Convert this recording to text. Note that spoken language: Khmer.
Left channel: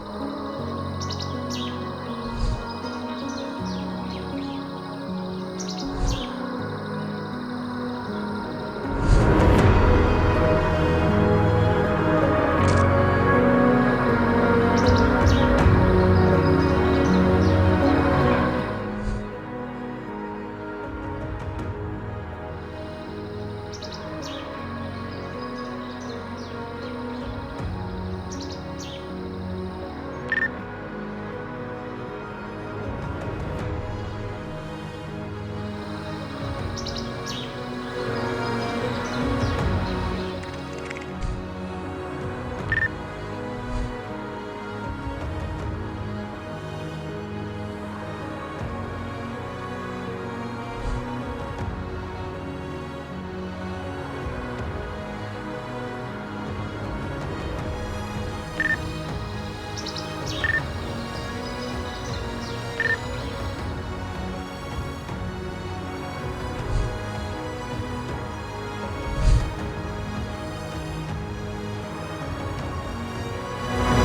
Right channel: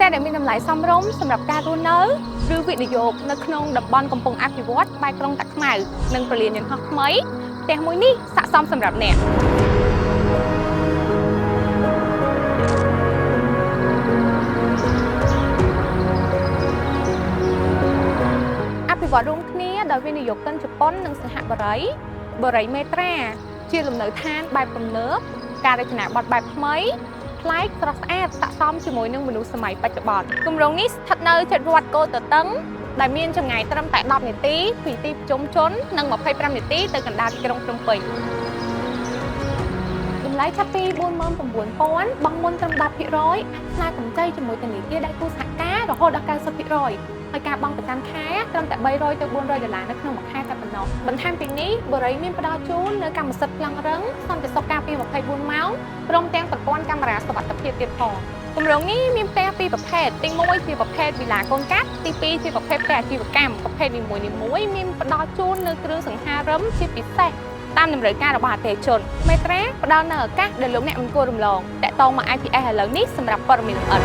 ផ្ទះដែលមានតម្លៃសមរម្យសម្រាប់ការរស់នៅឬវិនិយោគនៅក្នុងតំបន់កំពុងអភិវឌ្ឍក្បែរក្រុងតាខ្មៅនិងពលានយន្តហោះថ្មីផ្ទះមួយនេះស័ក្តិសមសម្រាប់អ្នកអភិវឌ្ឍរួមគ្នាដោយវិនិយោគិនជប៉ុននិងសហបរិយមេត្រាជាលំនៅឋានបែបទំនើបការរចនាបថបែបថ្មីប្លែកស្រស់ស្អាតស័ក្តិសមជាមួយនឹងមនុស្សសម័យបច្ចុប្បន្នគម្រោងនេះស្ថិតនៅជិតវត្តគោតតឹងដែលមានចម្ងាយត្រឹមតែ10នាទីពីទីប្រជុំជននិង25នាទីទៅកណ្ដាលក្រុងភ្នំពេញតម្លៃចាប់ពី49,000 បង់មុនត្រឹម10%ផ្នែកកម្ចីជាមួយធនាគារដៃគូសហការរហូតដល់90%ហើយការបង់ប្រចាំខែត្រឹមតែ$300ទៅ$400នៅក្នុងមួយខែតែប៉ុណ្ណោះបន្ថែមពីនេះបរិយាមានផ្ដល់ជូននៅកម្មសិទ្ធិខ្លាំងរឹងសន្តិសុខការពារ24ម៉ោងព្រមទាំងប្រព័ន្ធកាមេរ៉ាសុវត្ថិភាពទៀតផងគម្រោងនេះមានផ្ទះពីរប្រភេទទី1ជាប្រភេទវិឡាកូនកាត់ទី2ជាប្រភេទផ្ទះអាជីវកម្មប្រភេទនីមួយៗមានផ្ដល់ជូននៅគ្រឿងសង្ហារឹមជាពិសេសតាមតម្រូវការរបស់អតិថិជនមេត្រាផ្ដល់នៅឱកាសដែលលោកអ្នកមិនគួររំលងតាក់ទងមក IPS ឥឡូវនេះសម្រាប់ព័ត៌មានល្អិត